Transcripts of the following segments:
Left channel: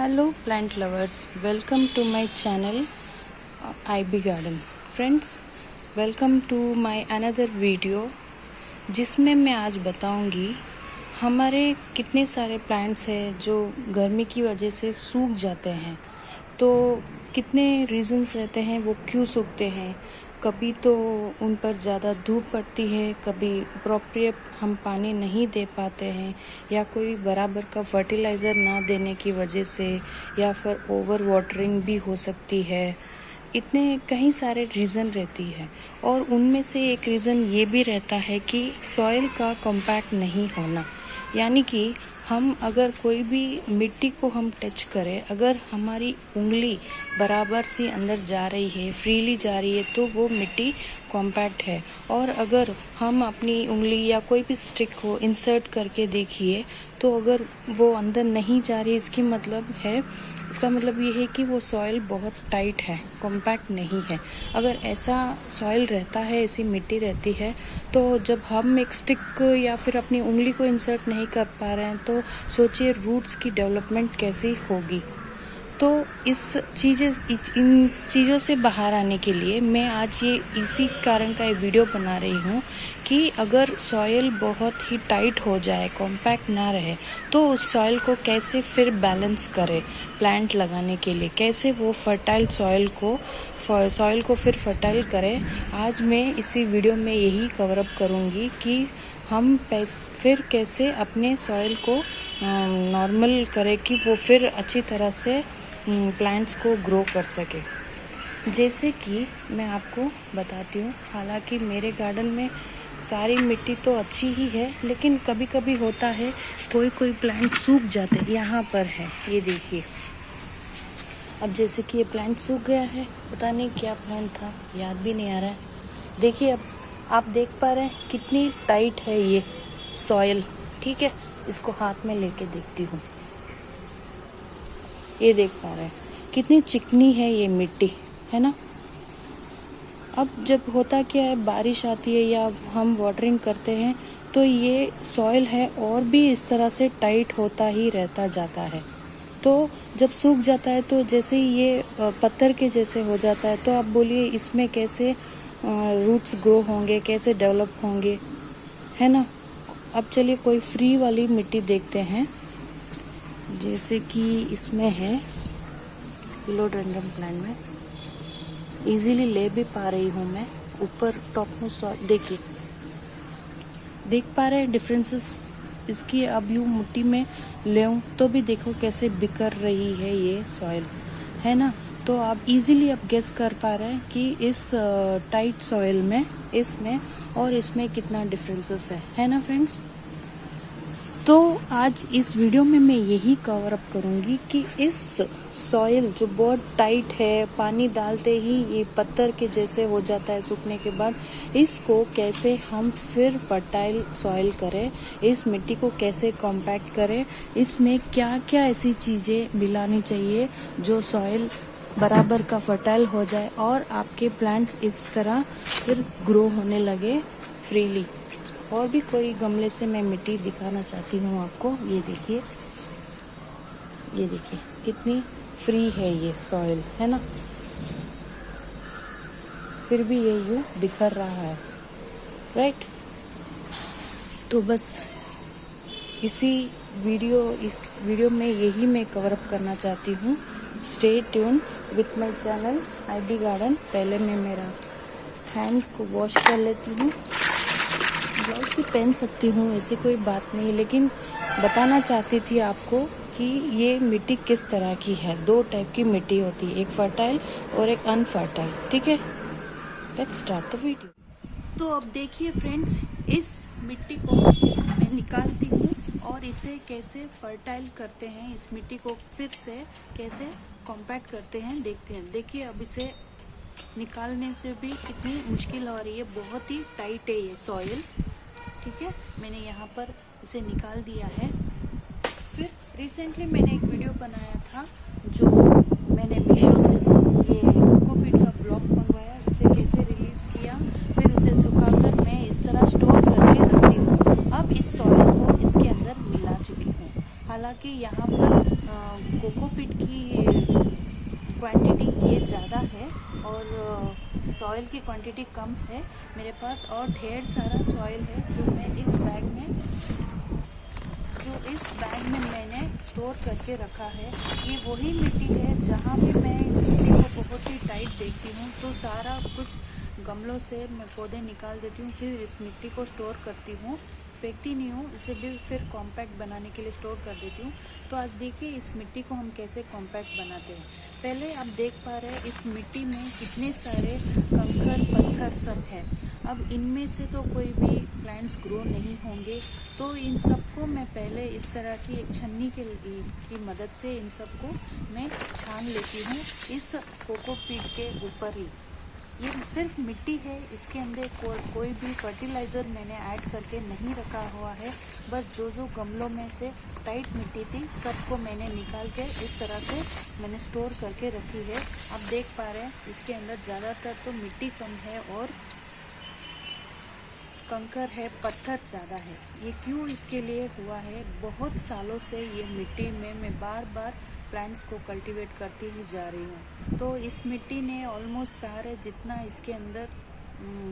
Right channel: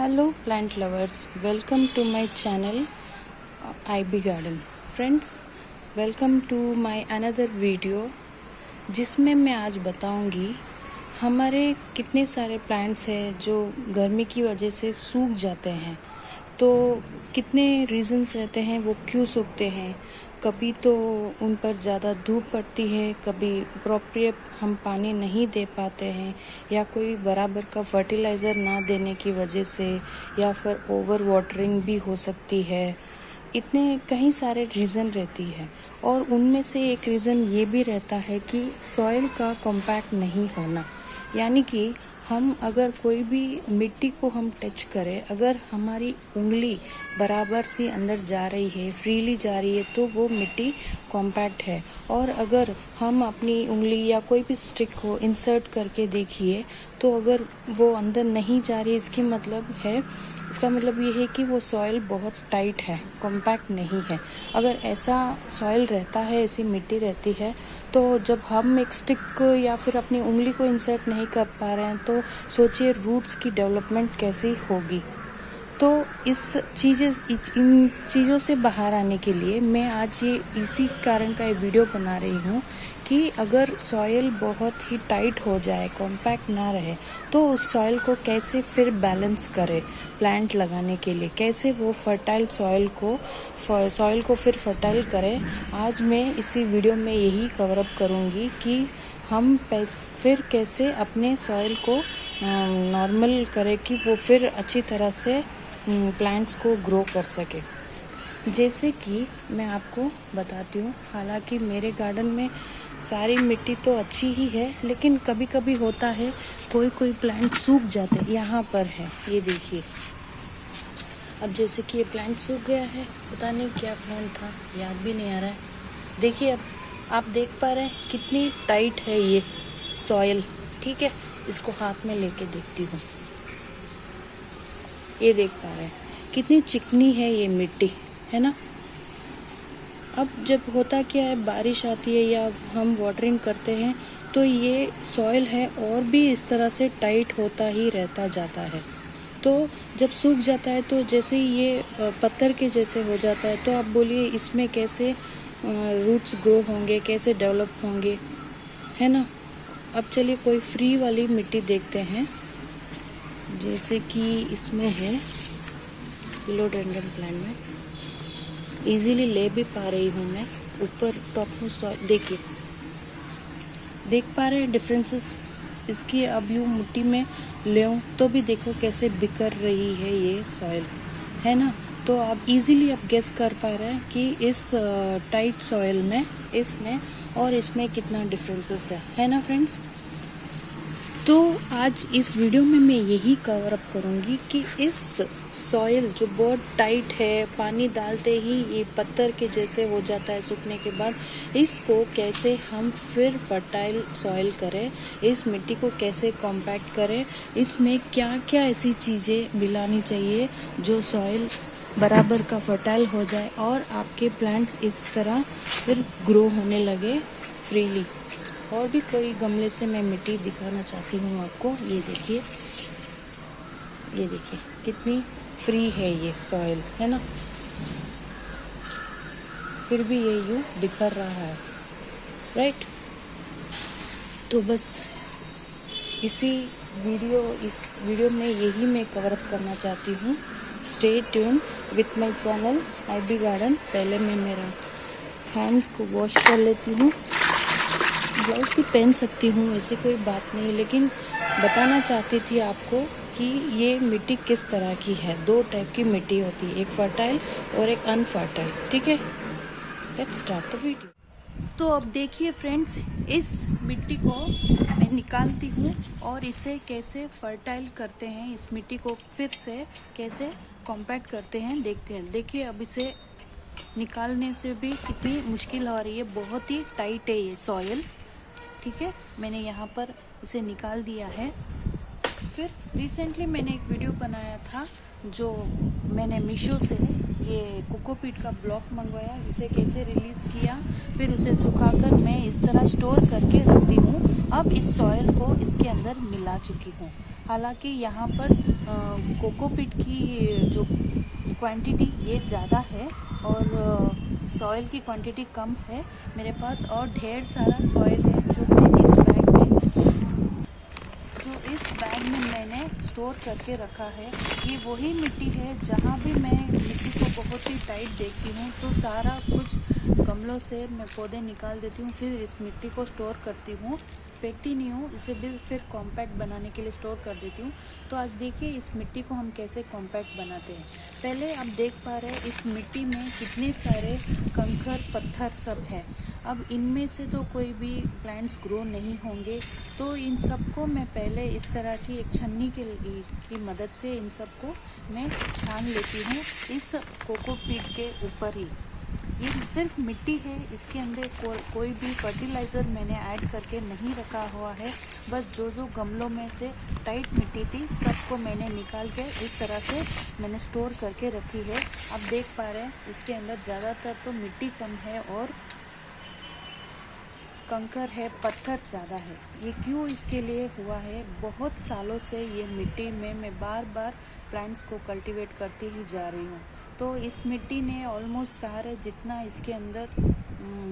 Hello plant lovers, welcome to my channel IB Garden. Friends, welcome to my another video जिसमें मैं आज बताऊंगी हमारे कितने सारे प्लांट्स हैं जो गर्मी की वजह से सूख जाते हैं। तो कितने रीजंस रहते हैं वो क्यों सूखते हैं। कभी तो उन पर ज़्यादा धूप पड़ती है, कभी प्रॉपर हम पानी नहीं दे पाते हैं, या कोई बराबर का फर्टिलाइज़र ना देने की वजह से, या फिर ओवर वाटरिंग भी हो सकती है। इतने कई सारे रीज़न रहती है और उनमें से एक रीज़न ये भी रहता है कि सॉइल का कॉम्पैक्ट नहीं होना। यानी कि हम अगर कोई भी मिट्टी को हम टच करें, अगर हमारी उंगली बराबर से अंदर जा रही है, फ्रीली जा रही है, तो वो मिट्टी कॉम्पैक्ट है। और अगर हम अपनी उंगली या कोई भी स्टिक को इंसर्ट करके देखिए तो अगर वो अंदर नहीं जा रही, इसका मतलब ये है कि वो सॉइल बहुत टाइट है, कॉम्पैक्ट नहीं है। अगर ऐसा सॉइल रहता है, ऐसी मिट्टी रहती है, तो जब हम एक स्टिक या फिर अपनी उंगली को इंसर्ट नहीं कर पा रहे हैं तो सोचिए रूट्स की डेवलपमेंट कैसी होगी। तो इन चीज़ों से बाहर आने के लिए मैं आज इसी कारण का ये वीडियो बना रही हूँ कि अगर सॉइल बहुत ही टाइट हो जाए, कॉम्पैक्ट ना रहे, तो उस सॉइल को कैसे फिर बैलेंस करें प्लांट लगाने के लिए, कैसे वो फर्टाइल सॉइल को फिर फर्टाइल करें। आज मैं इसी वीडियो में यही कवर अप करूँगी कि हम फिर कैसे अपने सॉइल को नॉर्मल करें कि वो फिर अच्छी तरह से प्लांट्स को ग्रो कर सके। जैसे कि मैं आपको बताती हूँ, हालांकि मेरे गार्डन में सारी मिट्टी तो अच्छी ही है, लेकिन कभी कभी होता है कोई प्लांट सूख जाते हैं। यहाँ पर है, ये देखिए। अब जैसे कि ये प्लांट सूख गया है, पता नहीं क्या प्लांट था, याद भी नहीं आ रहा है। देखिए, अब आप देख पा रहे हैं कितनी टाइट है ये सॉइल। ठीक है, इसको हाथ में लेके देखती हूँ। ये देख पा रहे हैं कितनी चिकनी है ये मिट्टी, है ना। अब जब होता क्या है, बारिश आती है या हम वाटरिंग करते हैं तो ये सॉइल है और भी इस तरह से टाइट होता ही रहता जाता है। तो जब सूख जाता है तो जैसे ही ये पत्थर के जैसे हो जाता है, तो आप बोलिए इसमें कैसे रूट्स ग्रो होंगे, कैसे डेवलप होंगे, है ना। अब चलिए कोई फ्री वाली मिट्टी देखते हैं। जैसे कि इसमें है फिलोडेंड्रन प्लांट में, इजीली ले भी पा रही हूँ मैं। ऊपर टॉप में सॉइल देखिए, देख पा रहे हैं डिफरेंसेस इसकी। अब यूँ मिट्टी में ले तो भी देखो कैसे बिखर रही है ये सॉइल, है ना। तो आप इजीली अब गेस कर पा रहे हैं कि इस टाइट सॉइल में, इसमें और इसमें कितना डिफरेंसेस है ना फ्रेंड्स। तो आज इस वीडियो में मैं यही कवर अप करूँगी कि इस सॉइल जो बहुत टाइट है, पानी डालते ही ये पत्थर के जैसे हो जाता है सूखने के बाद, इसको कैसे हम फिर फर्टाइल सॉइल करें, इस मिट्टी को कैसे कॉम्पैक्ट करें, इसमें क्या क्या ऐसी चीज़ें मिलानी चाहिए जो सॉइल बराबर का फर्टाइल हो जाए और आपके प्लांट्स इस तरह फिर ग्रो होने लगे फ्रीली। और भी कोई गमले से मैं मिट्टी दिखाना चाहती हूँ आपको। ये देखिए, ये देखिए कितनी फ्री है ये सॉइल, है ना। फिर भी ये यूँ बिखर रहा है, राइट। तो बस इस वीडियो में यही मैं कवर अप करना चाहती हूँ। Stay tune with my channel IB garden. पहले मैं मेरा हैंड्स को वॉश कर लेती हूँ। ग्लव्स भी पहन सकती हूँ, ऐसी कोई बात नहीं, लेकिन बताना चाहती थी आपको कि ये मिट्टी किस तरह की है। दो टाइप की मिट्टी होती है, एक फर्टाइल और एक अनफर्टाइल। ठीक है, लेट्स स्टार्ट द वीडियो। तो अब देखिए फ्रेंड्स, इस मिट्टी को मैं निकालती हूँ और इसे कैसे फर्टाइल करते हैं, इस मिट्टी को फिर से कैसे कॉम्पैक्ट करते हैं, देखते हैं। देखिए, अब इसे निकालने से भी कितनी मुश्किल हो रही है, बहुत ही टाइट है ये सॉइल। ठीक है, मैंने यहाँ पर इसे निकाल दिया है। फिर रिसेंटली मैंने एक वीडियो बनाया था जो मैंने मीशो से ये कोकोपीट का ब्लॉक मंगवाया, उसे कैसे रिलीज़ किया, फिर उसे सुखाकर मैं इस तरह स्टोर करके रखती हूँ। अब इस सॉइल को इसके अंदर मिला चुकी हूँ। हालांकि यहाँ पर कोकोपीट की जो क्वांटिटी ये ज़्यादा है और सॉइल की क्वांटिटी कम है मेरे पास, और ढेर सारा सॉइल है जो मैं इस बैग में मैंने स्टोर करके रखा है। ये वही मिट्टी है जहाँ भी मैं मिट्टी को बहुत ही टाइट देखती हूँ तो सारा कुछ गमलों से मैं पौधे निकाल देती हूँ, फिर इस मिट्टी को स्टोर करती हूँ, फेंकती नहीं हूँ, इसे भी फिर कॉम्पैक्ट बनाने के लिए स्टोर कर देती हूँ। तो आज देखिए इस मिट्टी को हम कैसे कॉम्पैक्ट बनाते हैं। पहले आप देख पा रहे हैं इस मिट्टी में कितने सारे कंकर पत्थर सब है। अब इनमें से तो कोई भी प्लांट्स ग्रो नहीं होंगे, तो इन सबको मैं पहले इस तरह की एक छन्नी की मदद से इन सबको मैं छान लेती हूँ इस कोकोपीट के ऊपर ही। ये सिर्फ मिट्टी है, इसके अंदर कोई भी फर्टिलाइज़र मैंने ऐड करके नहीं रखा हुआ है। बस जो गमलों में से टाइट मिट्टी थी सबको मैंने निकाल के इस तरह से मैंने स्टोर करके रखी है। आप देख पा रहे हैं इसके अंदर ज़्यादातर तो मिट्टी कम है और कंकर है, पत्थर ज़्यादा है। ये क्यों इसके लिए हुआ है, बहुत सालों से ये मिट्टी में मैं बार बार प्लांट्स को कल्टीवेट करती ही जा रही हूँ। तो इस मिट्टी ने ऑलमोस्ट सारे जितना इसके अंदर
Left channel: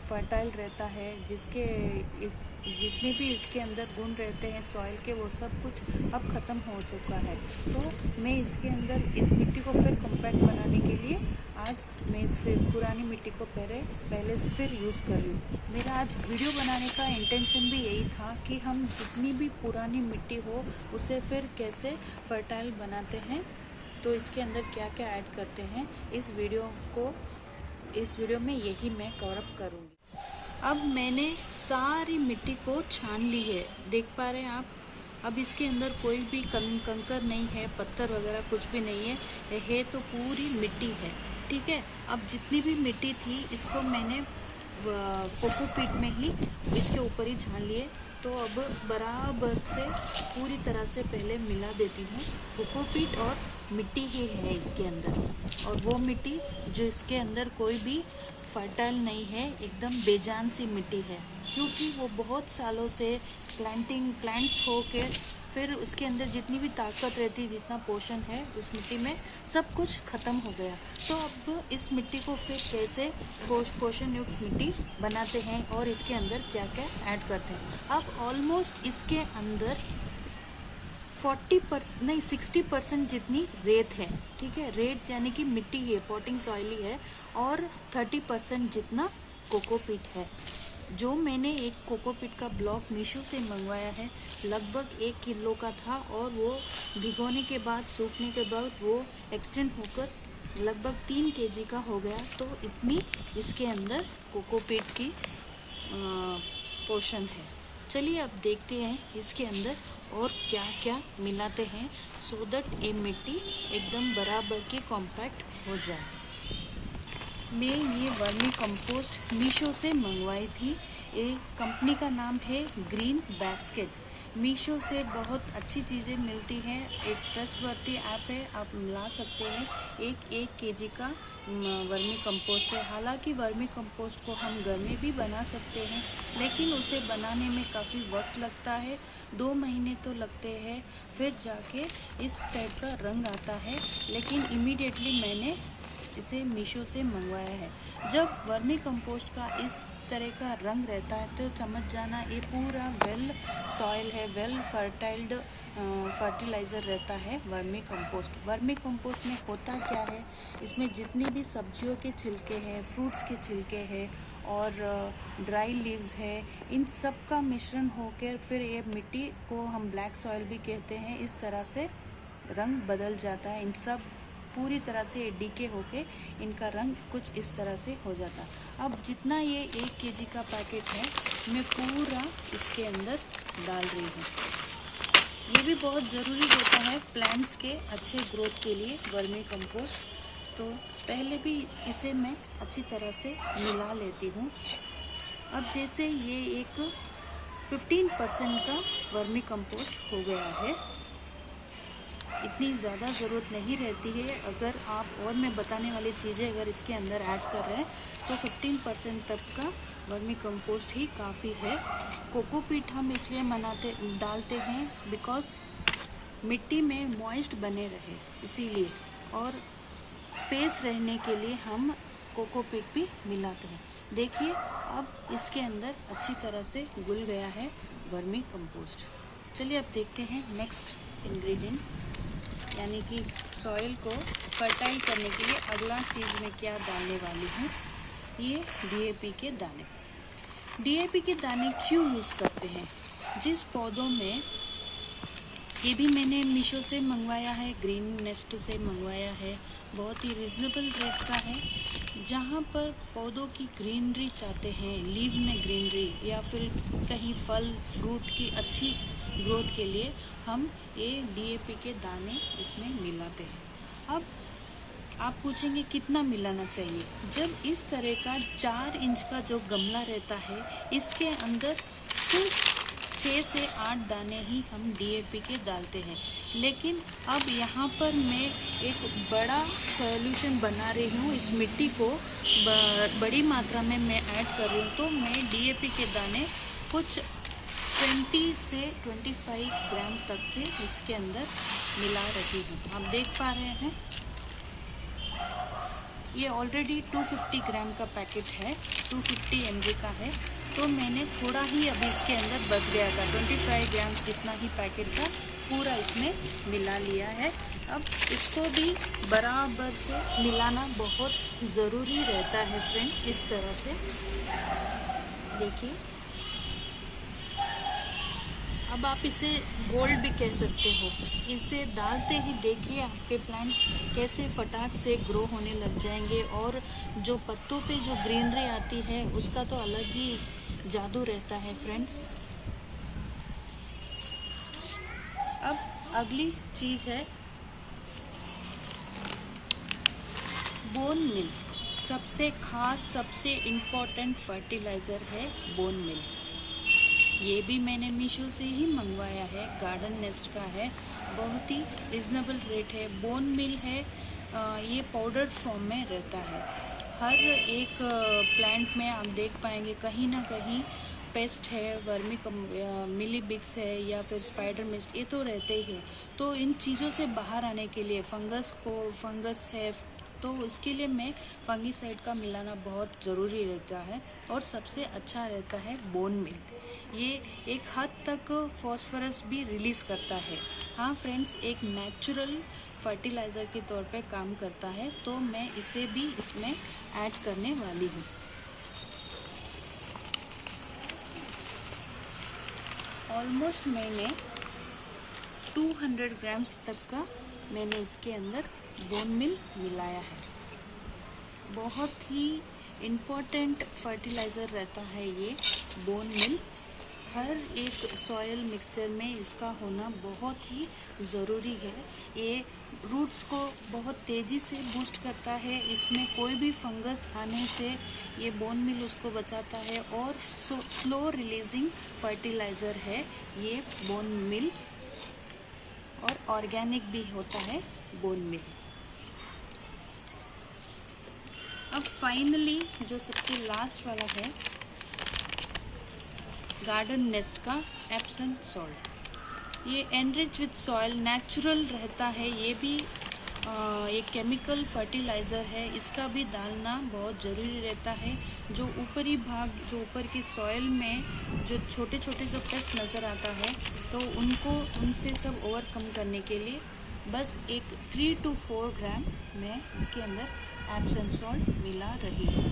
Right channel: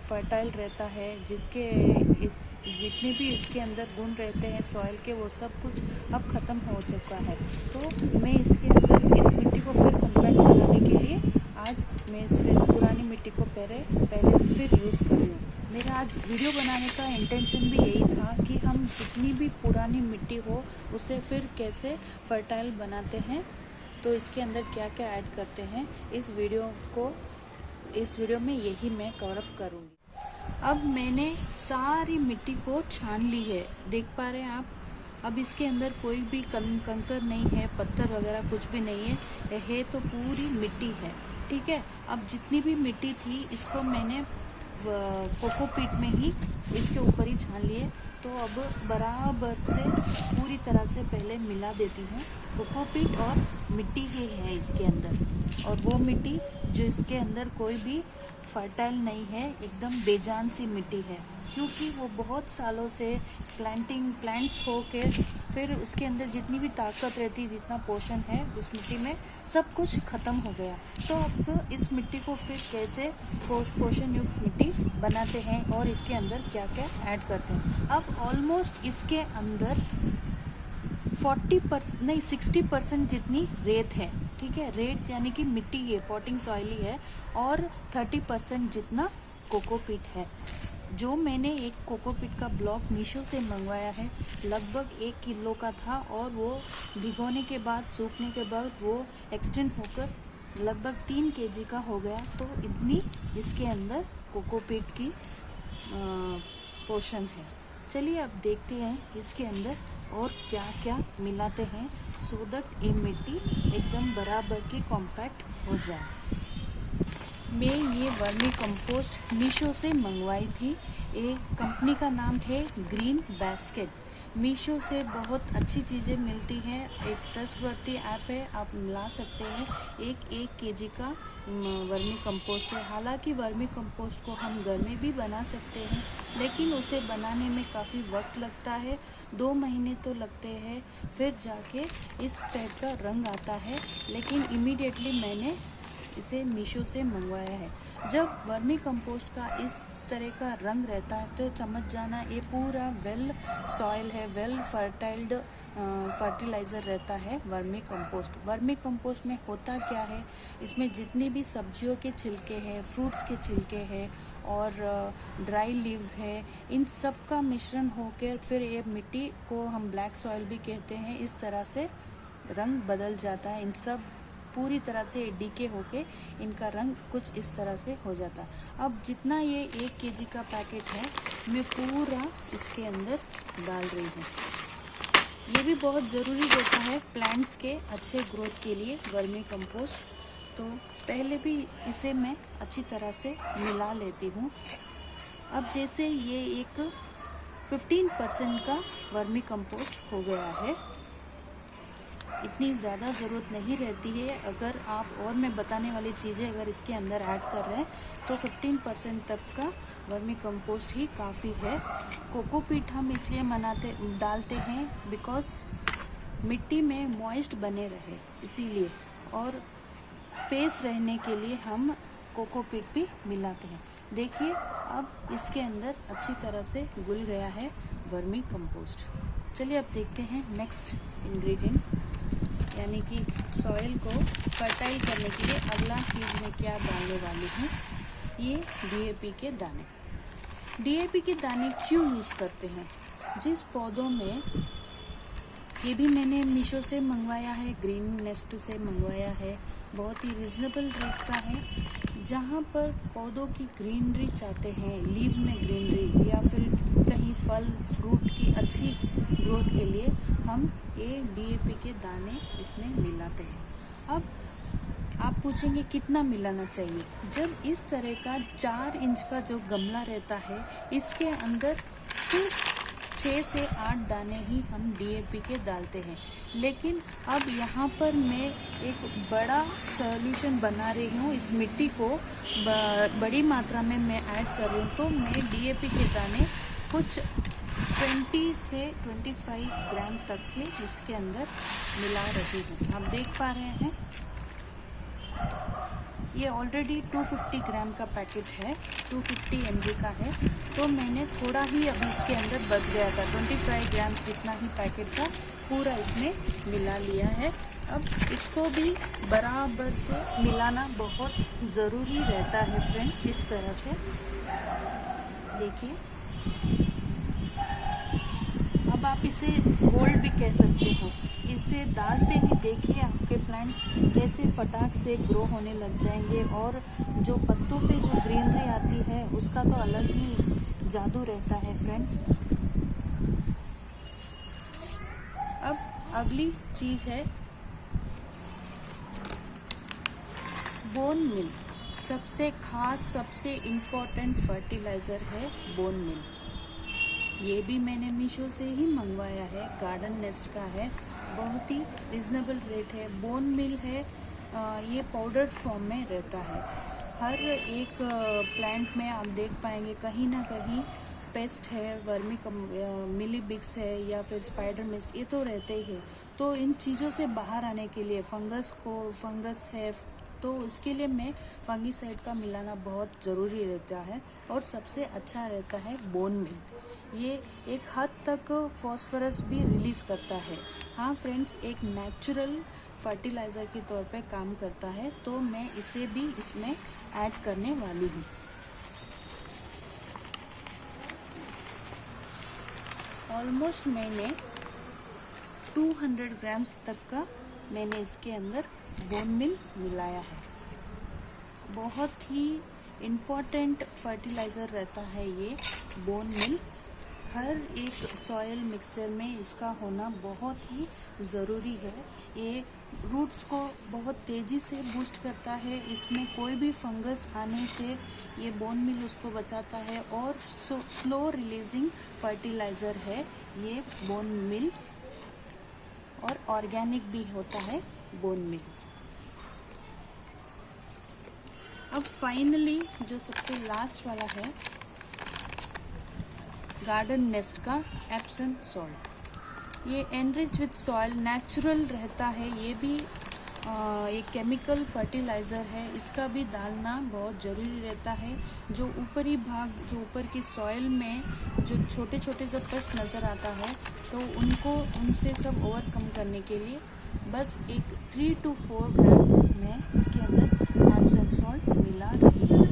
फर्टाइल रहता है, जितने भी इसके अंदर गुण रहते हैं सॉइल के, वो सब कुछ अब ख़त्म हो चुका है। तो मैं इसके अंदर इस मिट्टी को फिर कम्पैक्ट बनाने के लिए आज मैं इस फिर पुरानी मिट्टी को पहले से फिर यूज़ कर रही हूँ। मेरा आज वीडियो बनाने का इंटेंशन भी यही था कि हम जितनी भी पुरानी मिट्टी हो उसे फिर कैसे फर्टाइल बनाते हैं, तो इसके अंदर क्या क्या ऐड करते हैं, इस वीडियो में यही मैं कवर अप करूँगी। अब मैंने सारी मिट्टी को छान ली है, देख पा रहे हैं आप। अब इसके अंदर कोई भी कंकर नहीं है, पत्थर वगैरह कुछ भी नहीं है तो पूरी मिट्टी है, ठीक है। अब जितनी भी मिट्टी थी इसको मैंने कोकोपीट में ही इसके ऊपर ही छान लिए। तो अब बराबर से पूरी तरह से पहले मिला देती हूँ। कोकोपीट और मिट्टी ही है इसके अंदर, और वो मिट्टी जो इसके अंदर कोई भी फर्टाइल नहीं है, एकदम बेजान सी मिट्टी है, क्योंकि वो बहुत सालों से प्लांट्स हो के फिर उसके अंदर जितनी भी ताकत रहती, जितना पोषण है उस मिट्टी में, सब कुछ ख़त्म हो गया। तो अब इस मिट्टी को फिर कैसे पोषण युक्त मिट्टी बनाते हैं और इसके अंदर क्या क्या ऐड करते हैं। अब ऑलमोस्ट इसके अंदर 60% जितनी रेत है, ठीक है। रेत यानी कि मिट्टी है, पॉटिंग सॉइल ही है, और 30% जितना कोकोपीट है। जो मैंने एक कोकोपीट का ब्लॉक मीशो से मंगवाया है, लगभग 1 किलो का था, और वो भिगोने के बाद, सूखने के बाद वो एक्सटेंड होकर लगभग 3 केजी का हो गया। तो इतनी इसके अंदर कोकोपीट की पोषण है। चलिए अब देखते हैं इसके अंदर और क्या क्या मिलाते हैं, सो दैट ये मिट्टी एकदम बराबर की कॉम्पैक्ट हो जाए। मैं ये वर्मी कंपोस्ट मीशो से मंगवाई थी। एक कंपनी का नाम है ग्रीन बास्केट। मीशो से बहुत अच्छी चीज़ें मिलती हैं, एक ट्रस्टवर्दी ऐप है, आप ला सकते हैं। 1 केजी का वर्मी कंपोस्ट है। हालांकि वर्मी कंपोस्ट को हम घर में भी बना सकते हैं, लेकिन उसे बनाने में काफ़ी वक्त लगता है, 2 महीने तो लगते हैं, फिर जाके इस टाइप का रंग आता है। लेकिन इमीडिएटली मैंने इसे मीशो से मंगवाया है। जब वर्मी कंपोस्ट का इस तरह का रंग रहता है तो समझ जाना ये पूरा वेल सॉइल है, वेल फर्टाइल्ड फर्टिलाइज़र रहता है वर्मी कंपोस्ट। वर्मी कंपोस्ट में होता क्या है, इसमें जितनी भी सब्जियों के छिलके हैं, फ्रूट्स के छिलके हैं और ड्राई लीव्स है, इन सब का मिश्रण होकर फिर ये मिट्टी को हम ब्लैक सॉइल भी कहते हैं, इस तरह से रंग बदल जाता है। इन सब पूरी तरह से डीके होके इनका रंग कुछ इस तरह से हो जाता। अब जितना ये 1 केजी का पैकेट है मैं पूरा इसके अंदर डाल रही हूँ। ये भी बहुत ज़रूरी रहता है प्लांट्स के अच्छे ग्रोथ के लिए वर्मी कंपोस्ट। तो पहले भी इसे मैं अच्छी तरह से मिला लेती हूँ। अब जैसे ये एक 15% का वर्मी कंपोस्ट हो गया है, इतनी ज़्यादा ज़रूरत नहीं रहती है। अगर आप और मैं बताने वाली चीज़ें अगर इसके अंदर ऐड कर रहे हैं तो 15% तक का वर्मी कंपोस्ट ही काफ़ी है। कोकोपीट हम इसलिए डालते हैं बिकॉज मिट्टी में मॉइस्ट बने रहे इसीलिए, और स्पेस रहने के लिए हम कोकोपीट भी मिलाते हैं। देखिए अब इसके अंदर अच्छी तरह से घुल गया है वर्मी कंपोस्ट। चलिए अब देखते हैं नेक्स्ट इंग्रेडिएंट, यानी कि सॉइल को फर्टाइल करने के लिए अगला चीज़ मैं क्या डालने वाली हूँ, ये डीएपी के दाने। डीएपी के दाने क्यों यूज़ करते हैं? जिस पौधों में, ये भी मैंने मीशो से मंगवाया है, ग्रीन नेस्ट से मंगवाया है, बहुत ही रिजनेबल रेट का है। जहाँ पर पौधों की ग्रीनरी चाहते हैं, लीव में ग्रीनरी या फिर कहीं फल फ्रूट की अच्छी ग्रोथ के लिए हम ये डीएपी के दाने इसमें मिलाते हैं। अब आप पूछेंगे कितना मिलाना चाहिए? जब इस तरह का 4 इंच का जो गमला रहता है, इसके अंदर सिर्फ 6 से 8 दाने ही हम डीएपी के डालते हैं। लेकिन अब यहाँ पर मैं एक बड़ा सॉल्यूशन बना रही हूँ, इस मिट्टी को बड़ी मात्रा में मैं ऐड कर रही हूँ, तो मैं डीएपी के दाने कुछ 20 से 25 ग्राम तक के इसके अंदर मिला रही हूँ। आप देख पा रहे हैं ये ऑलरेडी 250 ग्राम का पैकेट है, 250 mg का है, तो मैंने थोड़ा ही अभी इसके अंदर बच गया था, 25 ग्राम जितना ही पैकेट था पूरा इसमें मिला लिया है। अब इसको भी बराबर से मिलाना बहुत ज़रूरी रहता है फ्रेंड्स। इस तरह से देखिए, अब आप इसे गोल्ड भी कह सकते हो। इसे डालते ही देखिए आपके प्लांट्स कैसे फटाक से ग्रो होने लग जाएंगे, और जो पत्तों पे जो ग्रीनरी आती है उसका तो अलग ही जादू रहता है फ्रेंड्स। अब अगली चीज़ है बोन मिल। सबसे खास, सबसे इम्पोर्टेंट फर्टिलाइज़र है बोन मिल। ये भी मैंने मीशो से ही मंगवाया है, गार्डन नेस्ट का है, बहुत ही रिजनेबल रेट है। बोन मिल है, ये पाउडर्ड फॉर्म में रहता है। हर एक प्लांट में आप देख पाएंगे कहीं ना कहीं पेस्ट है, मिलीबिग्स है या फिर स्पाइडर मिस्ट, ये तो रहते ही है। तो इन चीज़ों से बाहर आने के लिए फंगस है तो इसके लिए मैं फंगीसाइड का मिलाना बहुत ज़रूरी रहता है, और सबसे अच्छा रहता है बोन मिल। ये एक हद तक फॉस्फोरस भी रिलीज़ करता है। हाँ फ्रेंड्स, एक नेचुरल फर्टिलाइज़र के तौर पे काम करता है, तो मैं इसे भी इसमें ऐड करने वाली हूँ। ऑलमोस्ट मैंने 200 ग्राम्स तक का मैंने इसके अंदर बोन मिल मिलाया है। बहुत ही इम्पोर्टेंट फर्टिलाइज़र रहता है ये बोन मिल। हर एक सॉयल मिक्सचर में इसका होना बहुत ही ज़रूरी है। ये रूट्स को बहुत तेज़ी से बूस्ट करता है, इसमें कोई भी फंगस आने से ये बोन मिल उसको बचाता है, और स्लो रिलीजिंग फर्टिलाइज़र है ये बोन मिल, और ऑर्गेनिक भी होता है बोन मिल। अब फाइनली जो सबसे लास्ट वाला है गार्डन नेस्ट का एप्सम सॉल्ट। ये एनरिच विथ सॉइल नेचुरल रहता है, ये भी एक केमिकल फर्टिलाइज़र है, इसका भी डालना बहुत ज़रूरी रहता है। जो ऊपरी भाग, जो ऊपर की सॉइल में जो छोटे छोटे जो पेस्ट नज़र आता है, तो उनसे सब ओवरकम करने के लिए बस एक 3 to 4 ग्राम मैं इसके अंदर एप्सम सॉल्ट मिला रही हूँ।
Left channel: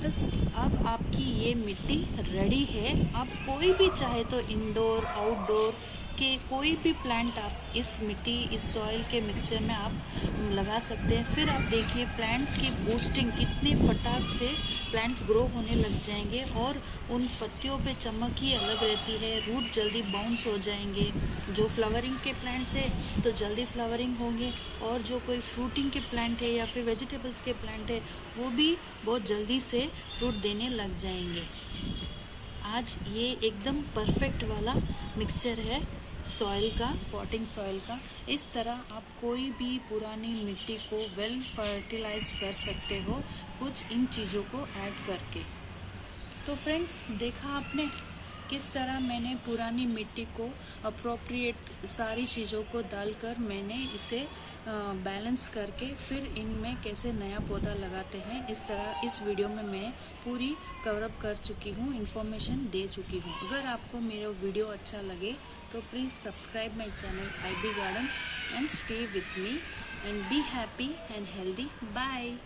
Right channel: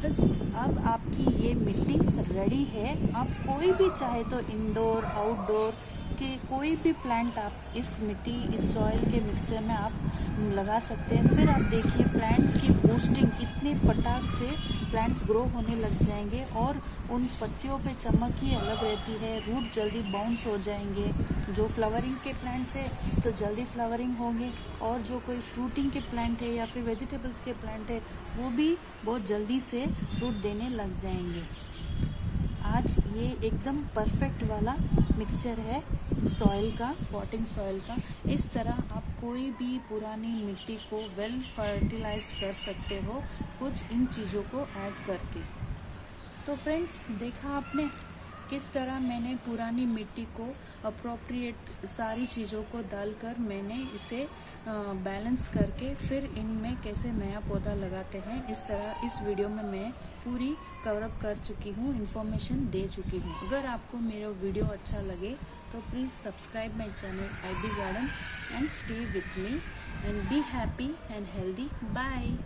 बस अब आपकी ये मिट्टी रेडी है। आप कोई भी चाहे तो इंडोर आउटडोर के कोई भी प्लांट आप इस सॉइल के मिक्सचर में आप लगा सकते हैं। फिर आप देखिए प्लांट्स की बूस्टिंग कितने फटाक से प्लांट्स ग्रो होने लग जाएंगे, और उन पत्तियों पे चमक ही अलग रहती है, रूट जल्दी बाउंस हो जाएंगे। जो फ्लावरिंग के प्लांट्स है तो जल्दी फ्लावरिंग होंगे, और जो कोई फ्रूटिंग के प्लांट है या फिर वेजिटेबल्स के प्लांट है वो भी बहुत जल्दी से फ्रूट देने लग जाएंगे। आज ये एकदम परफेक्ट वाला मिक्सचर है सॉइल का, पॉटिंग सॉइल का। इस तरह आप कोई भी पुरानी मिट्टी को वेल फर्टिलाइज्ड कर सकते हो कुछ इन चीज़ों को ऐड करके। तो फ्रेंड्स, देखा आपने किस तरह मैंने पुरानी मिट्टी को अप्रोप्रिएट सारी चीज़ों को डालकर मैंने इसे बैलेंस करके फिर इनमें कैसे नया पौधा लगाते हैं, इस तरह इस वीडियो में मैं पूरी कवरअप कर चुकी हूँ, इन्फॉर्मेशन दे चुकी हूँ। अगर आपको मेरा वीडियो अच्छा लगे तो please subscribe my channel IB garden and stay with me and be happy and healthy. Bye.